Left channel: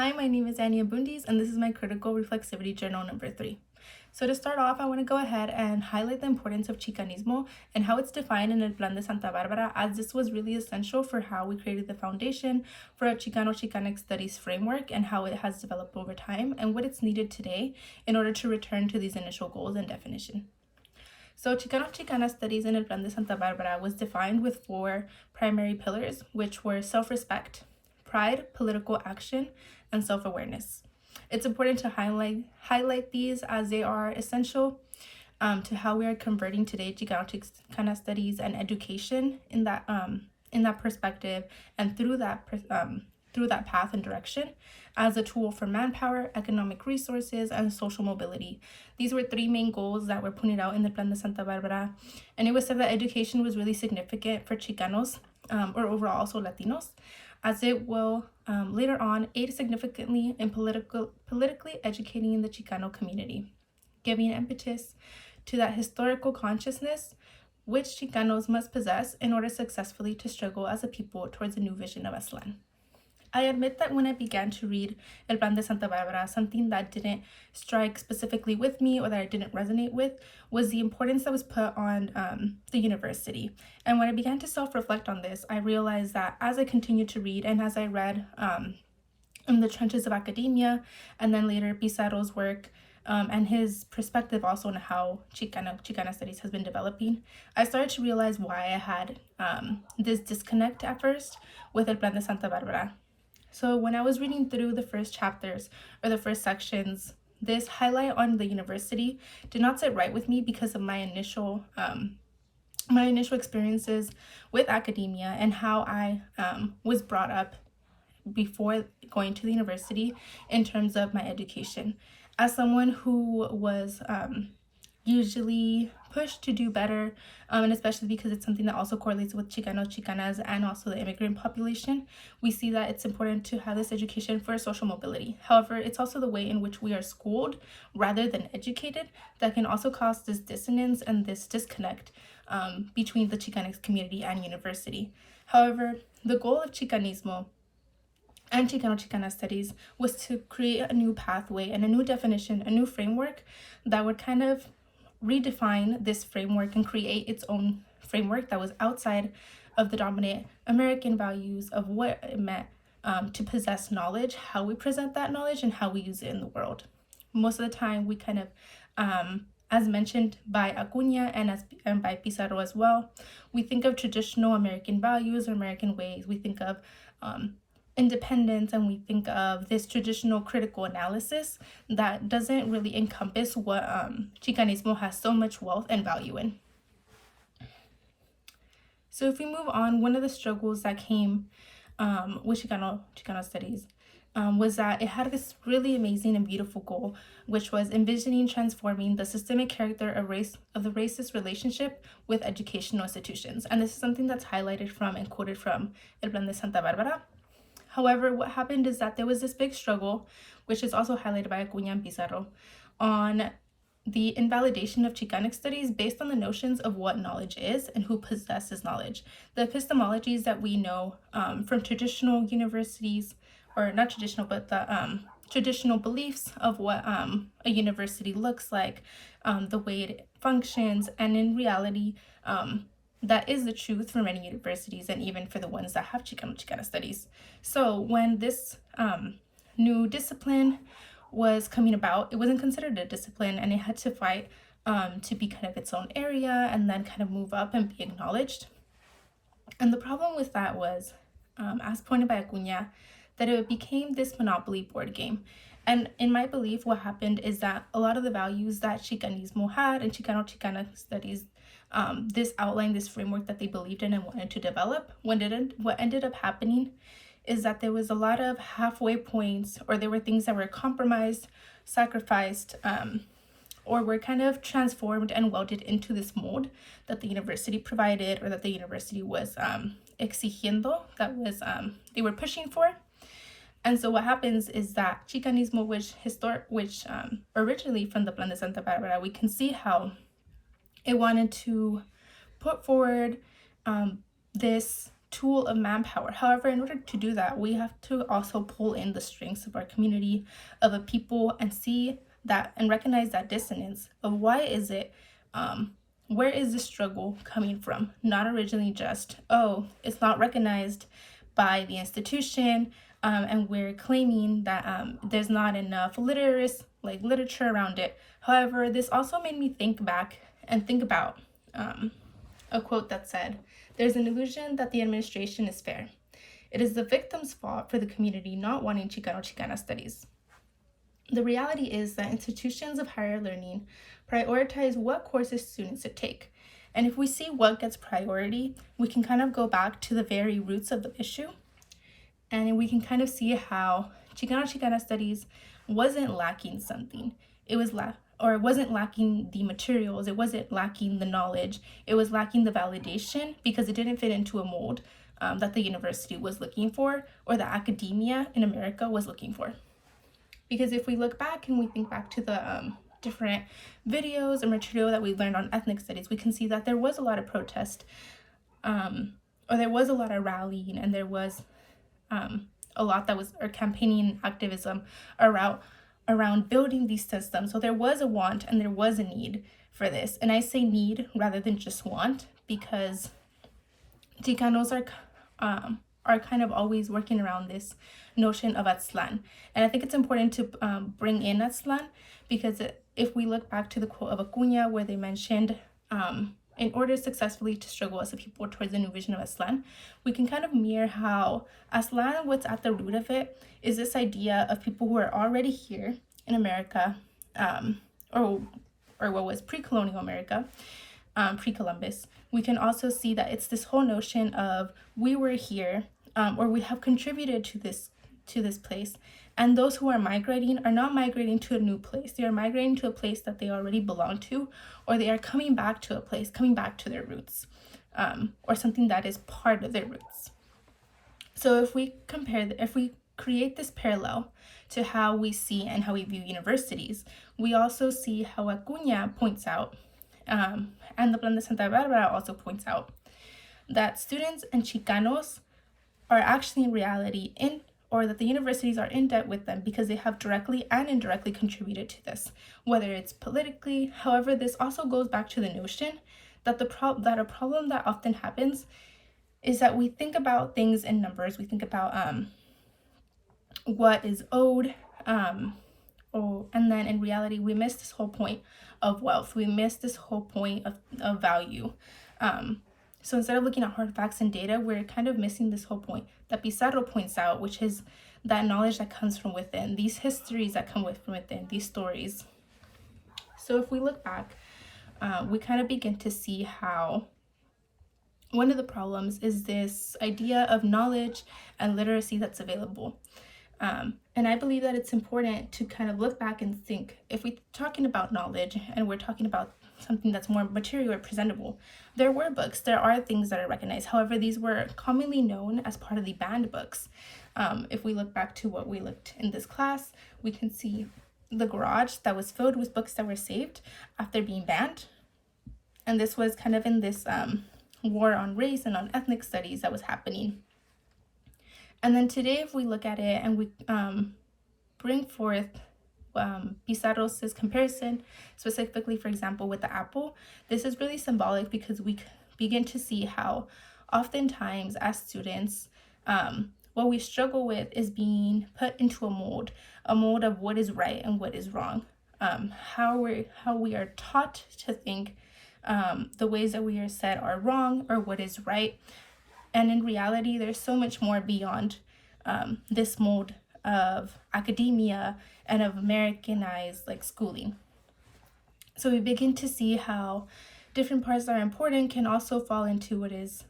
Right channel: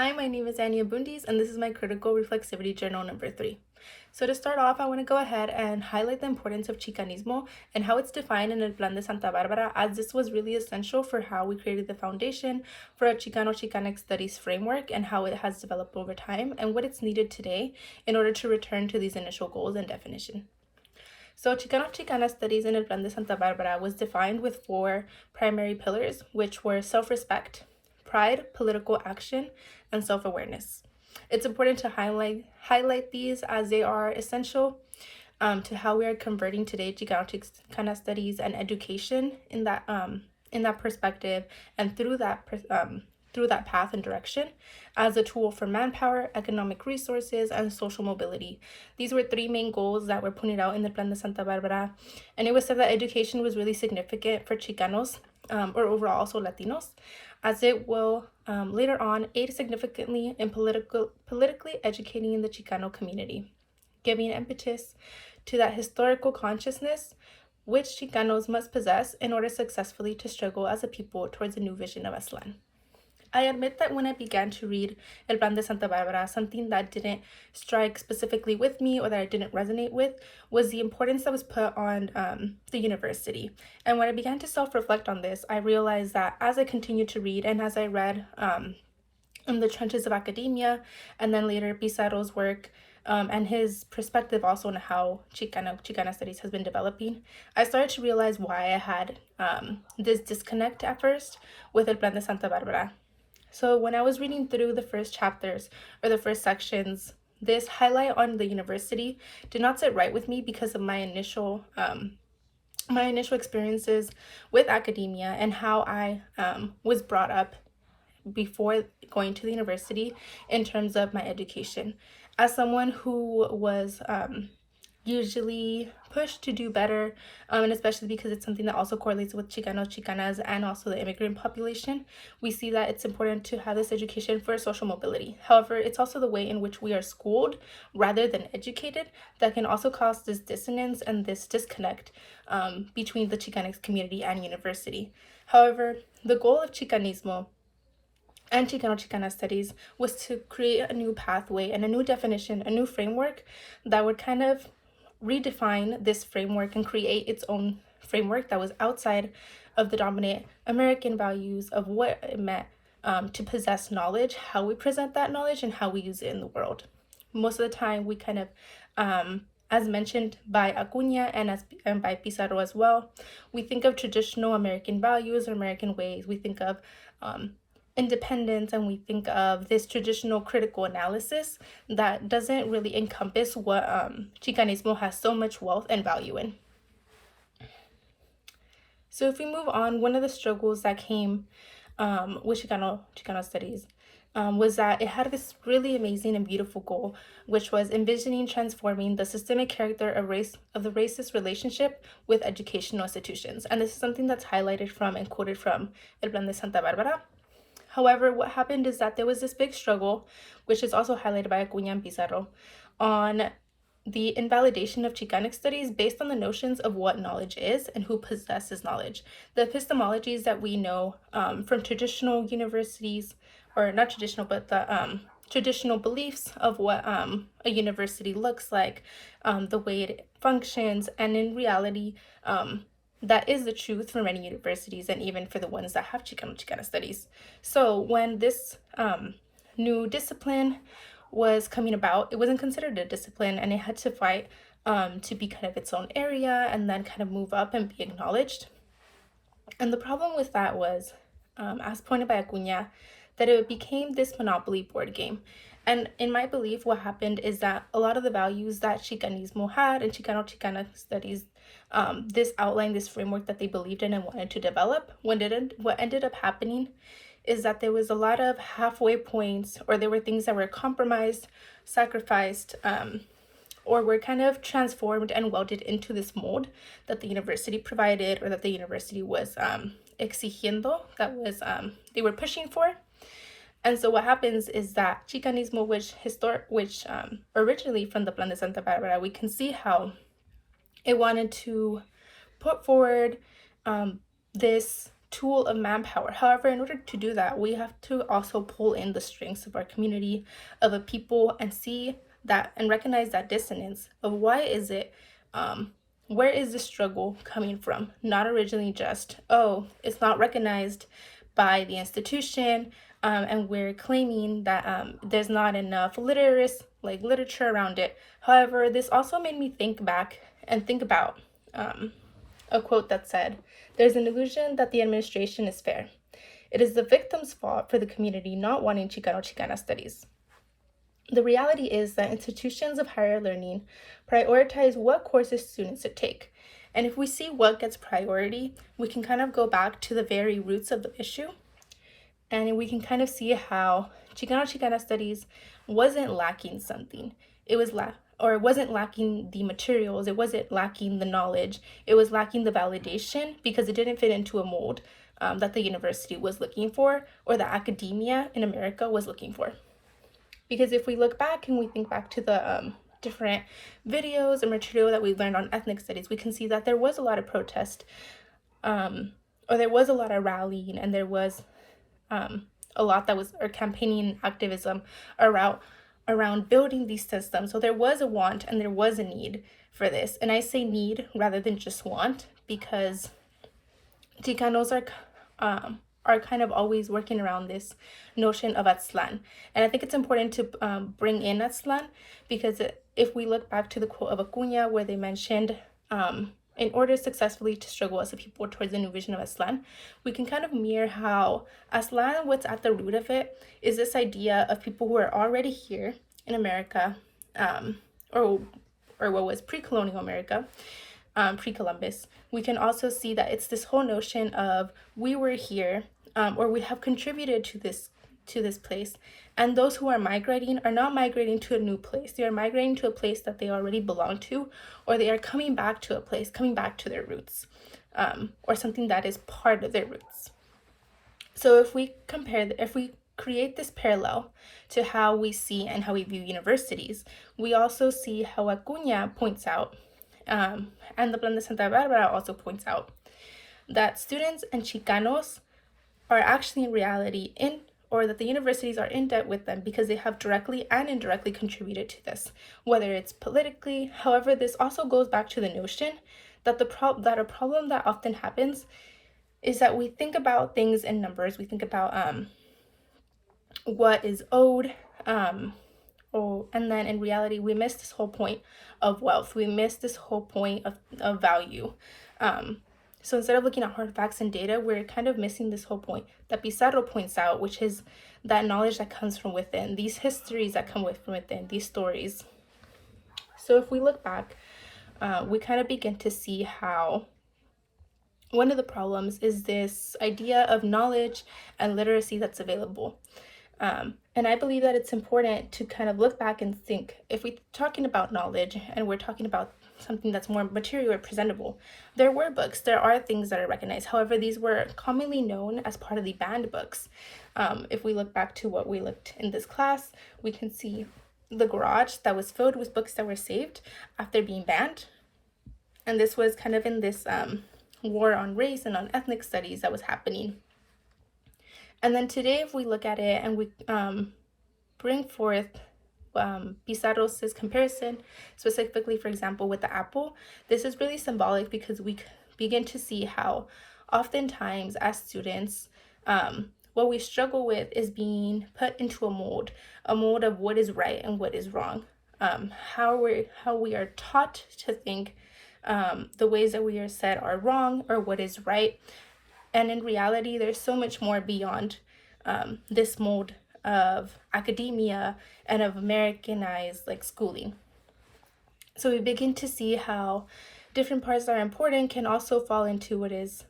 Hi, my name is Anya Bundis, and this is my Critical Reflexivity Journal number 3. So to start off, I want to go ahead and highlight the importance of Chicanismo and how it's defined in El Plan de Santa Barbara, as this was really essential for how we created the foundation for a Chicanx Studies framework and how it has developed over time and what it's needed today in order to return to these initial goals and definition. So Chicana Studies in El Plan de Santa Barbara was defined with 4 primary pillars, which were self-respect, pride, political action, and self-awareness. It's important to highlight these as they are essential to how we are converting today Chicana Studies and education in that perspective and through that path and direction as a tool for manpower, economic resources, and social mobility. These were 3 main goals that were pointed out in the Plan de Santa Barbara, and it was said that education was really significant for Chicanos, or overall also Latinos, as it will later on aid significantly in politically educating in the Chicano community, giving impetus to that historical consciousness which Chicanos must possess in order successfully to struggle as a people towards a new vision of Aslan. I admit that when I began to read El Plan de Santa Barbara, something that didn't strike specifically with me or that I didn't resonate with was the importance that was put on the university. And when I began to self-reflect on this, I realized that as I continued to read and as I read in the trenches of academia and then later Pizarro's work, and his perspective also on how Chicana Studies has been developing, I started to realize why I had this disconnect at first with El Plan de Santa Barbara. So when I was reading through the first chapters or the first sections, this highlight on the university did not sit right with me because of my initial experiences with academia and how I was brought up before going to the university in terms of my education. As someone who was usually pushed to do better, and especially because it's something that also correlates with Chicanos, Chicanas, and also the immigrant population, we see that it's important to have this education for social mobility. However, it's also the way in which we are schooled rather than educated that can also cause this dissonance and this disconnect between the Chicanx community and university. However, the goal of Chicanismo and Chicana Studies was to create a new pathway and a new definition, a new framework that would kind of redefine this framework and create its own framework that was outside of the dominant American values of what it meant to possess knowledge, how we present that knowledge, and how we use it in the world. Most of the time, we kind of, as mentioned by Acuña and by Pizarro as well, we think of traditional American values or American ways. We think of independence, and we think of this traditional critical analysis that doesn't really encompass what Chicanismo has so much wealth and value in. So if we move on, one of the struggles that came with Chicano Studies was that it had this really amazing and beautiful goal, which was envisioning transforming the systemic character of the racist relationship with educational institutions. And this is something that's highlighted from and quoted from El Plan de Santa Barbara. However, what happened is that there was this big struggle, which is also highlighted by Acuña and Pizarro, on the invalidation of Chicanx studies based on the notions of what knowledge is and who possesses knowledge. The epistemologies that we know from traditional universities, or not traditional, but the traditional beliefs of what a university looks like, the way it functions, and in reality, that is the truth for many universities and even for the ones that have Chicana studies. So when this new discipline was coming about, it wasn't considered a discipline, and it had to fight to be kind of its own area and then kind of move up and be acknowledged. And the problem with that was, as pointed by Acuña, that it became this monopoly board game. And in my belief, what happened is that a lot of the values that Chicanismo had and Chicana Studies, this outline, this framework that they believed in and wanted to develop, what ended up happening is that there was a lot of halfway points, or there were things that were compromised, sacrificed, or were kind of transformed and welded into this mold that the university provided, or that the university was exigiendo, that was they were pushing for. And so what happens is that Chicanismo, which originally from the Plan de Santa Barbara, we can see how it wanted to put forward this tool of manpower. However, in order to do that, we have to also pull in the strengths of our community, of a people, and see that and recognize that dissonance of why is it, where is the struggle coming from? Not originally just, oh, it's not recognized by the institution, and we're claiming that there's not enough literature around it. However, this also made me think back and think about a quote that said, "There's an illusion that the administration is fair. It is the victim's fault for the community not wanting Chicano-Chicana studies." The reality is that institutions of higher learning prioritize what courses students should take. And if we see what gets priority, we can kind of go back to the very roots of the issue. And we can kind of see how Chicano-Chicana studies wasn't lacking something. It wasn't lacking the materials. It wasn't lacking the knowledge. It was lacking the validation because it didn't fit into a mold that the university was looking for or the academia in America was looking for. Because if we look back and we think back to the different videos and material that we learned on ethnic studies, we can see that there was a lot of protest, or there was a lot of rallying, and there was a lot that was, or campaigning and activism around building these systems. So there was a want and there was a need for this. And I say need rather than just want, because Chicanos are kind of always working around this notion of Aztlan. And I think it's important to bring in Aztlan, because if we look back to the quote of Acuña, where they mentioned, in order successfully to struggle as a people towards the new vision of Aztlan, we can kind of mirror how Aztlan, what's at the root of it, is this idea of people who are already here in America, or what was pre-colonial America, pre-Columbus. We can also see that it's this whole notion of we were here, or we have contributed to this place, and those who are migrating are not migrating to a new place. They are migrating to a place that they already belong to, or they are coming back to a place, coming back to their roots, or something that is part of their roots. So if we create this parallel to how we see and how we view universities, we also see how Acuña points out, and the Plan de Santa Barbara also points out, that students and Chicanos are actually in reality or that the universities are in debt with them because they have directly and indirectly contributed to this, whether it's politically. However, this also goes back to the notion that a problem that often happens is that we think about things in numbers. We think about what is owed, and then in reality, we miss this whole point of wealth. We miss this whole point of value. So instead of looking at hard facts and data, we're kind of missing this whole point that Pizarro points out, which is that knowledge that comes from within, these histories that come from within, these stories. So if we look back, we kind of begin to see how one of the problems is this idea of knowledge and literacy that's available. And I believe that it's important to kind of look back and think, if we're talking about knowledge and we're talking about something that's more material or presentable, there were books, there are things that are recognized. However, these were commonly known as part of the banned books. If we look back to what we looked in this class, we can see the garage that was filled with books that were saved after being banned. And this was kind of in this war on race and on ethnic studies that was happening. And then today, if we look at it and we bring forth Pizarro's comparison, specifically, for example, with the apple, this is really symbolic because we begin to see how oftentimes as students, what we struggle with is being put into a mold of what is right and what is wrong, how we are taught to think, the ways that we are said are wrong or what is right. And in reality, there's so much more beyond this mold of academia and of Americanized schooling. So we begin to see how different parts that are important can also fall into what is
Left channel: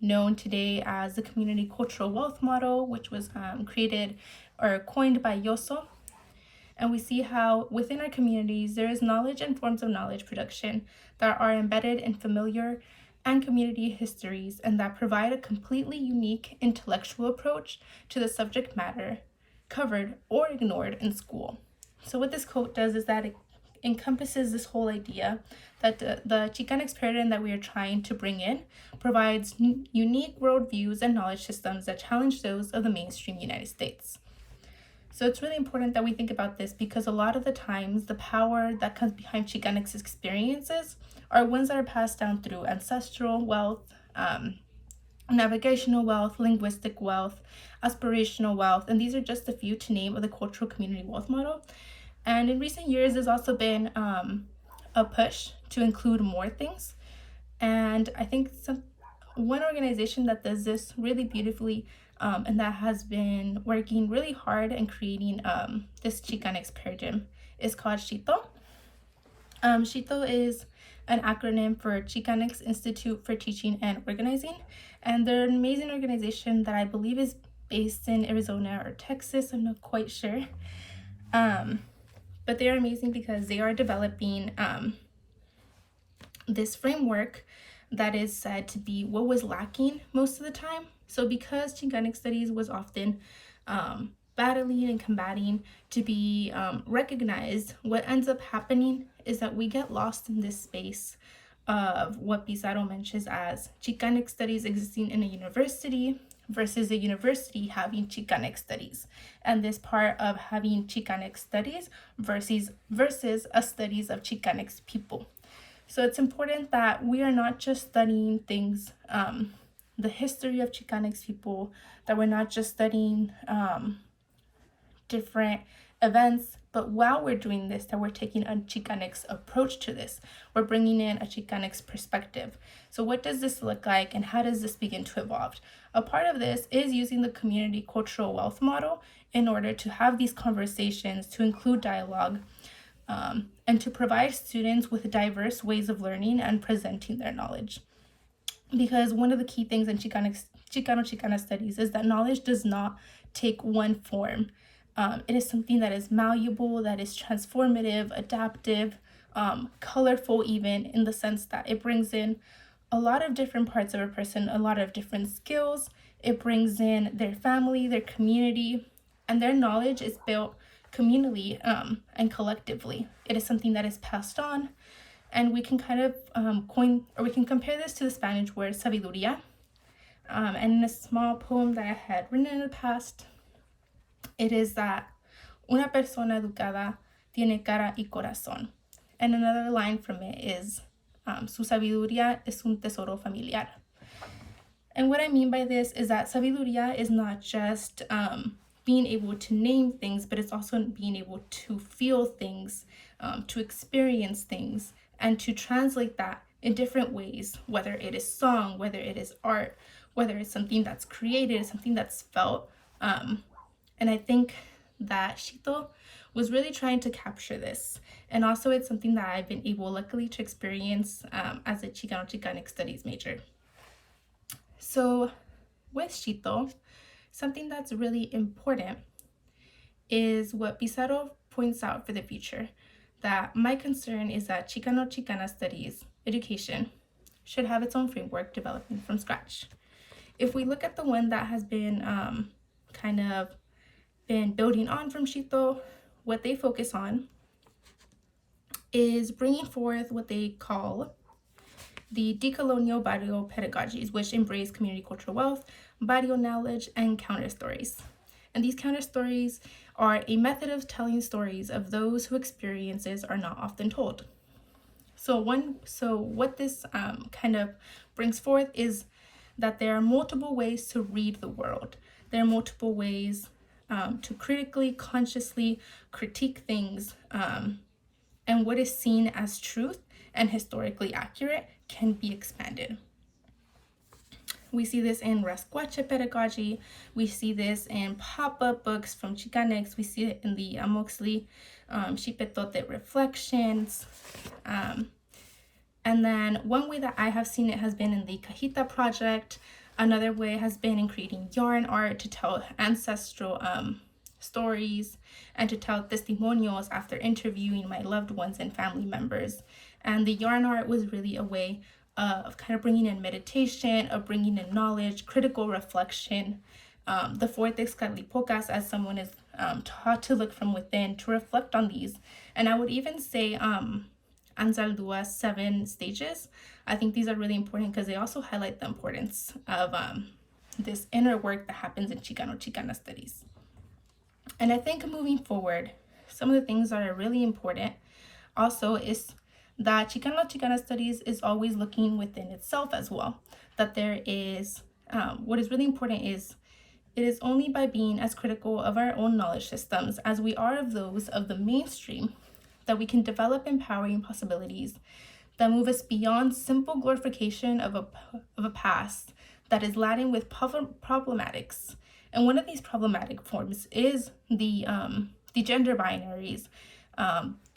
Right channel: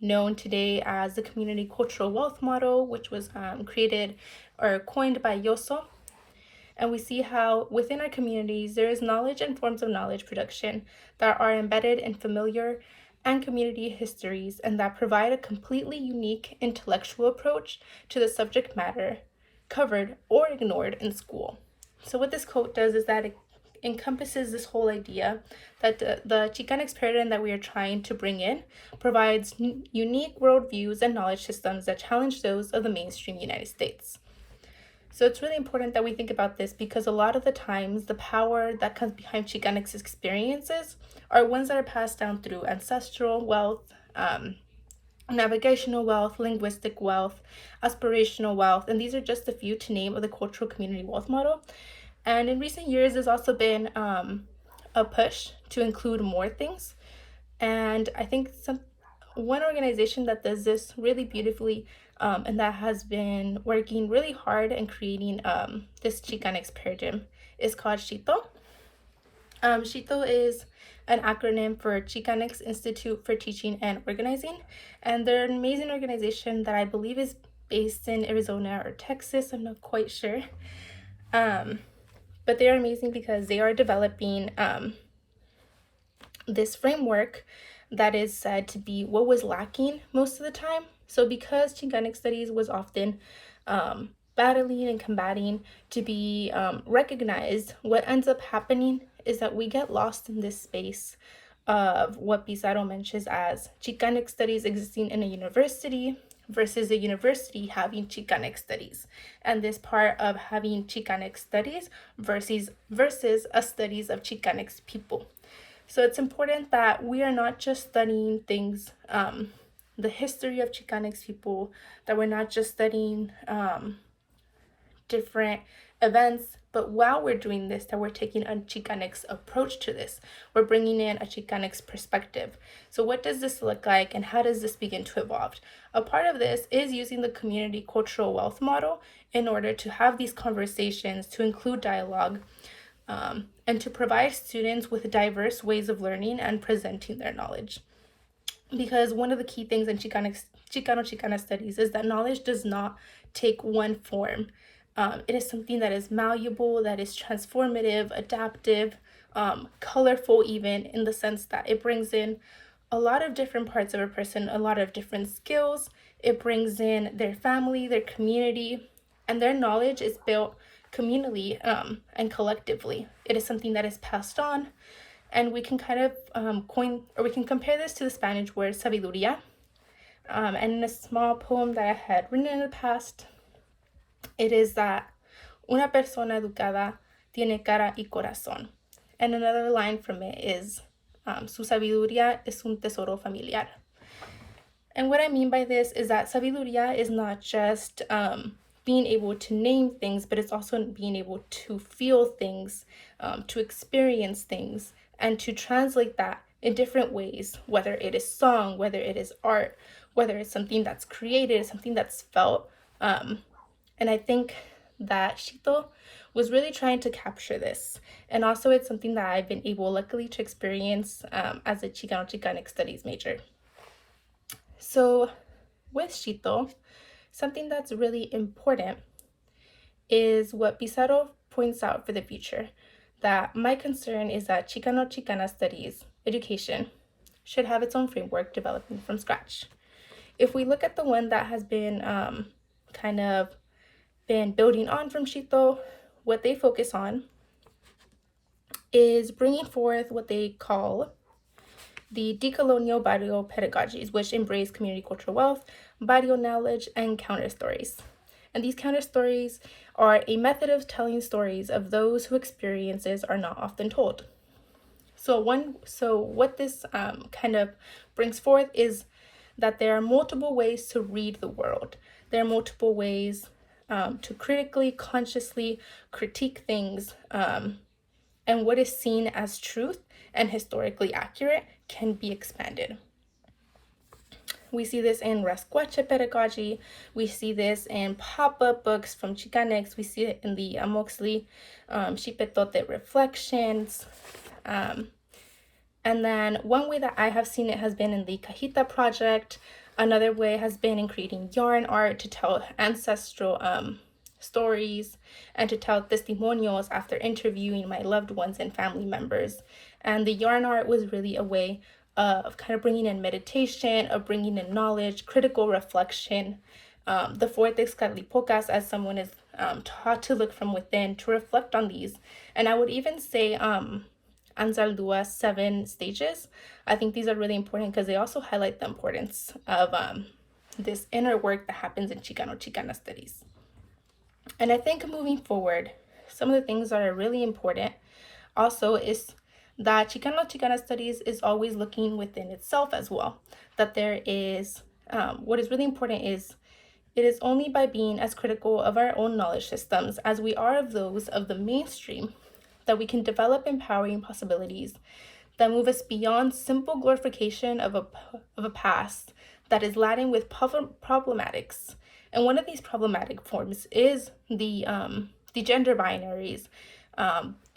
known today as the community cultural wealth model, which was created or coined by Yoso. And we see how within our communities, there is knowledge and forms of knowledge production that are embedded in familiar and community histories and that provide a completely unique intellectual approach to the subject matter covered or ignored in school. So what this quote does is that encompasses this whole idea that the Chicanx paradigm that we are trying to bring in provides unique worldviews and knowledge systems that challenge those of the mainstream United States. So it's really important that we think about this, because a lot of the times the power that comes behind Chicanx experiences are ones that are passed down through ancestral wealth, navigational wealth, linguistic wealth, aspirational wealth, and these are just a few to name of the cultural community wealth model. And in recent years, there's also been a push to include more things. And I think one organization that does this really beautifully and that has been working really hard and creating this Chicanx paradigm is called CHITO. CHITO is an acronym for Chicanx Institute for Teaching and Organizing, and they're an amazing organization that I believe is based in Arizona or Texas. I'm not quite sure. But they are amazing because they are developing this framework that is said to be what was lacking most of the time. So because Chicanx Studies was often battling and combating to be recognized, what ends up happening is that we get lost in this space of what Pizarro mentions as Chicanx Studies existing in a university versus a university having Chicanx Studies, and this part of having Chicanx Studies versus a studies of Chicanx people. So it's important that we are not just studying things, the history of Chicanx people, that we're not just studying different events, but while we're doing this, that we're taking a Chicanx approach to this. We're bringing in a Chicanx perspective. So what does this look like, and how does this begin to evolve? A part of this is using the community cultural wealth model in order to have these conversations, to include dialogue, and to provide students with diverse ways of learning and presenting their knowledge. Because one of the key things in Chicana studies is that knowledge does not take one form. It is something that is malleable, that is transformative, adaptive, colorful, even in the sense that it brings in a lot of different parts of a person, a lot of different skills. It brings in their family, their community, and their knowledge is built communally and collectively. It is something that is passed on, and we can kind of we can compare this to the Spanish word sabiduría. And in a small poem that I had written in the past, it is that una persona educada tiene cara y corazón. And another line from it is su sabiduría es un tesoro familiar. And what I mean by this is that sabiduría is not just being able to name things, but it's also being able to feel things, to experience things, and to translate that in different ways, whether it is song, whether it is art, whether it's something that's created, something that's felt. And I think that CHITO was really trying to capture this. And also it's something that I've been able, luckily, to experience as a Chicanx Studies major. So with CHITO, something that's really important is what Pizarro points out for the future, that my concern is that Chicana studies education should have its own framework developing from scratch. If we look at the one that has been kind of been building on from CHITO, what they focus on is bringing forth what they call the decolonial barrio pedagogies, which embrace community cultural wealth, barrio knowledge, and counter stories. And these counter stories are a method of telling stories of those whose experiences are not often told. So what this kind of brings forth is that there are multiple ways to read the world. There are multiple ways to critically, consciously critique things, and what is seen as truth and historically accurate can be expanded. We see this in Rascuache pedagogy. We see this in pop-up books from Chicanx. We see it in the Amoxley Xipetote reflections. And then one way that I have seen it has been in the Cajita project. Another way has been in creating yarn art to tell ancestral stories and to tell testimonials after interviewing my loved ones and family members. And the yarn art was really a way of kind of bringing in meditation, of bringing in knowledge, critical reflection. The Fuertes Carlipocas, as someone is taught to look from within, to reflect on these. And I would even say Anzaldua's 7 stages. I think these are really important because they also highlight the importance of this inner work that happens in Chicano-Chicana studies. And I think moving forward, some of the things that are really important also is that Chicano-Chicana studies is always looking within itself as well. That there is, what is really important is, it is only by being as critical of our own knowledge systems as we are of those of the mainstream that we can develop empowering possibilities that move us beyond simple glorification of a past that is laden with problematics. And one of these problematic forms is the gender binaries,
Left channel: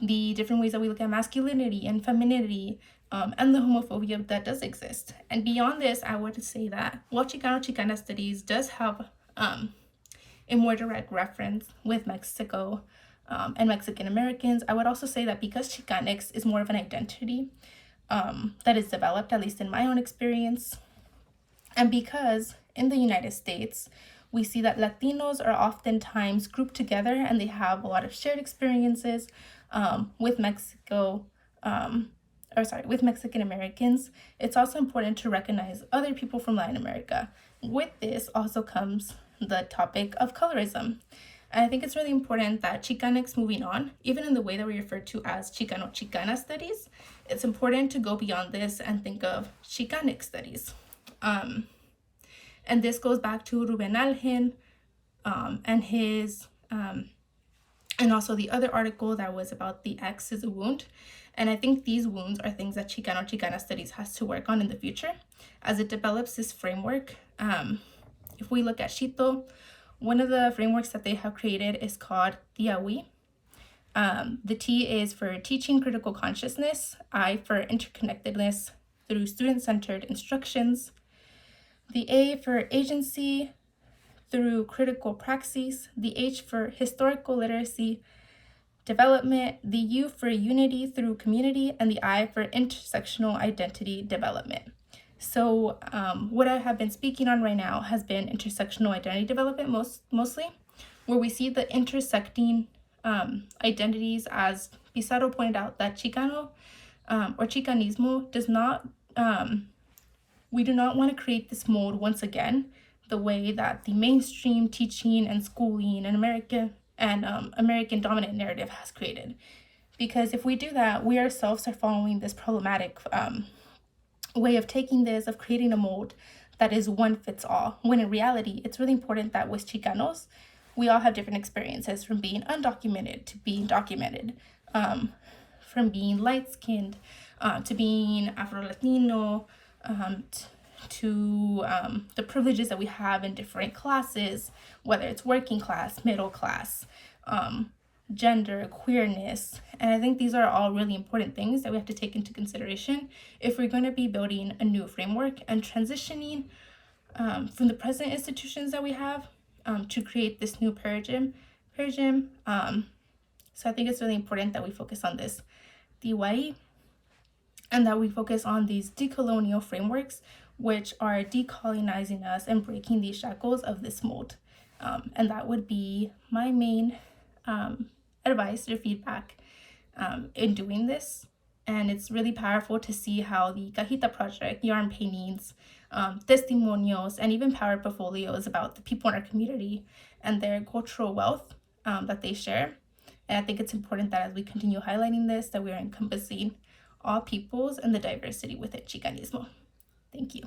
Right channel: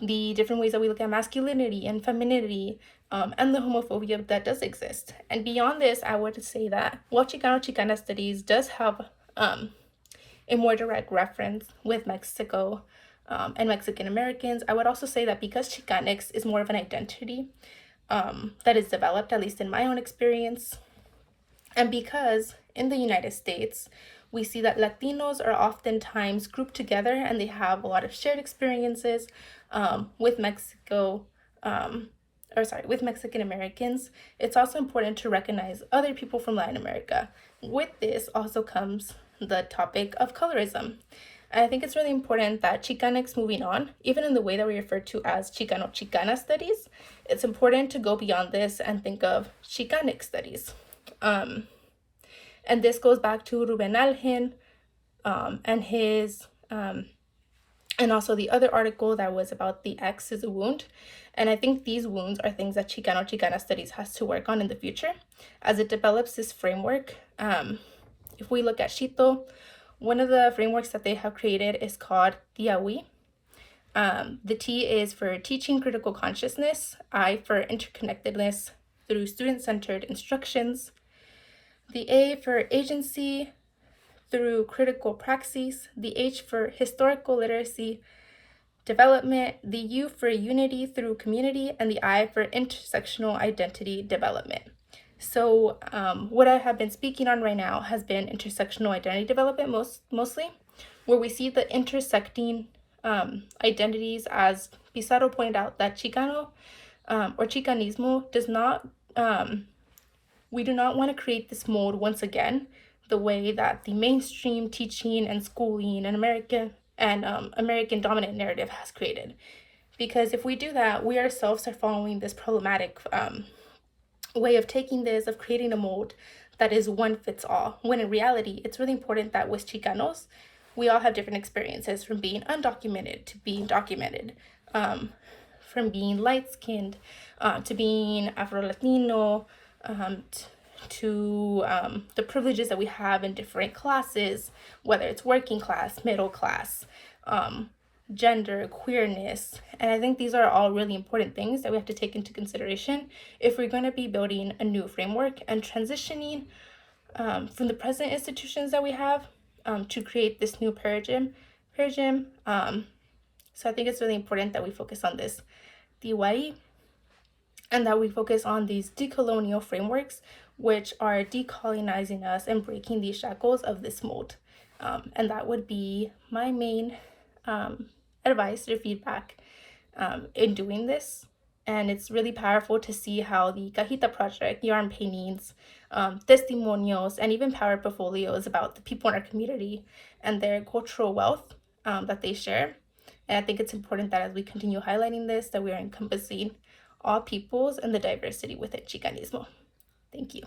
the different ways that we look at masculinity and femininity, and the homophobia that does exist. And beyond this, I would say that while Chicano-Chicana studies does have a more direct reference with Mexico and Mexican Americans, I would also say that because Chicanx is more of an identity that is developed, at least in my own experience, and because in the United States, we see that Latinos are oftentimes grouped together and they have a lot of shared experiences with with Mexican Americans. It's also important to recognize other people from Latin America. With this also comes the topic of colorism. And I think it's really important that Chicanx, moving on, even in the way that we refer to as Chicano-Chicana studies, it's important to go beyond this and think of Chicanx studies. And this goes back to Ruben Algen and his, and also the other article that was about the X is a wound. And I think these wounds are things that Chicano-Chicana studies has to work on in the future as it develops this framework. If we look at Chito, one of the frameworks that they have created is called TIAWI. The T is for teaching critical consciousness, I for interconnectedness through student-centered instructions, the A for agency through critical praxis, the H for historical literacy development, the U for unity through community, and the I for intersectional identity development. So what I have been speaking on right now has been intersectional identity development mostly, where we see the intersecting identities, as Pizarro pointed out, that Chicano or Chicanismo does not, we do not want to create this mold once again, the way that the mainstream teaching and schooling and American dominant narrative has created. Because if we do that, we ourselves are following this problematic way of taking this, of creating a mold that is one fits all, when in reality, it's really important that with Chicanos, we all have different experiences, from being undocumented to being documented, from being light-skinned to being Afro-Latino, to the privileges that we have in different classes, whether it's working class, middle class, gender, queerness. And I think these are all really important things that we have to take into consideration if we're going to be building a new framework and transitioning from the present institutions that we have to create this new paradigm. So I think it's really important that we focus on this DYE and that we focus on these decolonial frameworks, which are decolonizing us and breaking these shackles of this mold. And that would be my main advice or feedback in doing this. And it's really powerful to see how the Cajita Project, yarn paintings, testimonials, and even power portfolios about the people in our community and their cultural wealth that they share. And I think it's important that as we continue highlighting this, that we are encompassing all peoples and the diversity within Chicanismo. Thank you.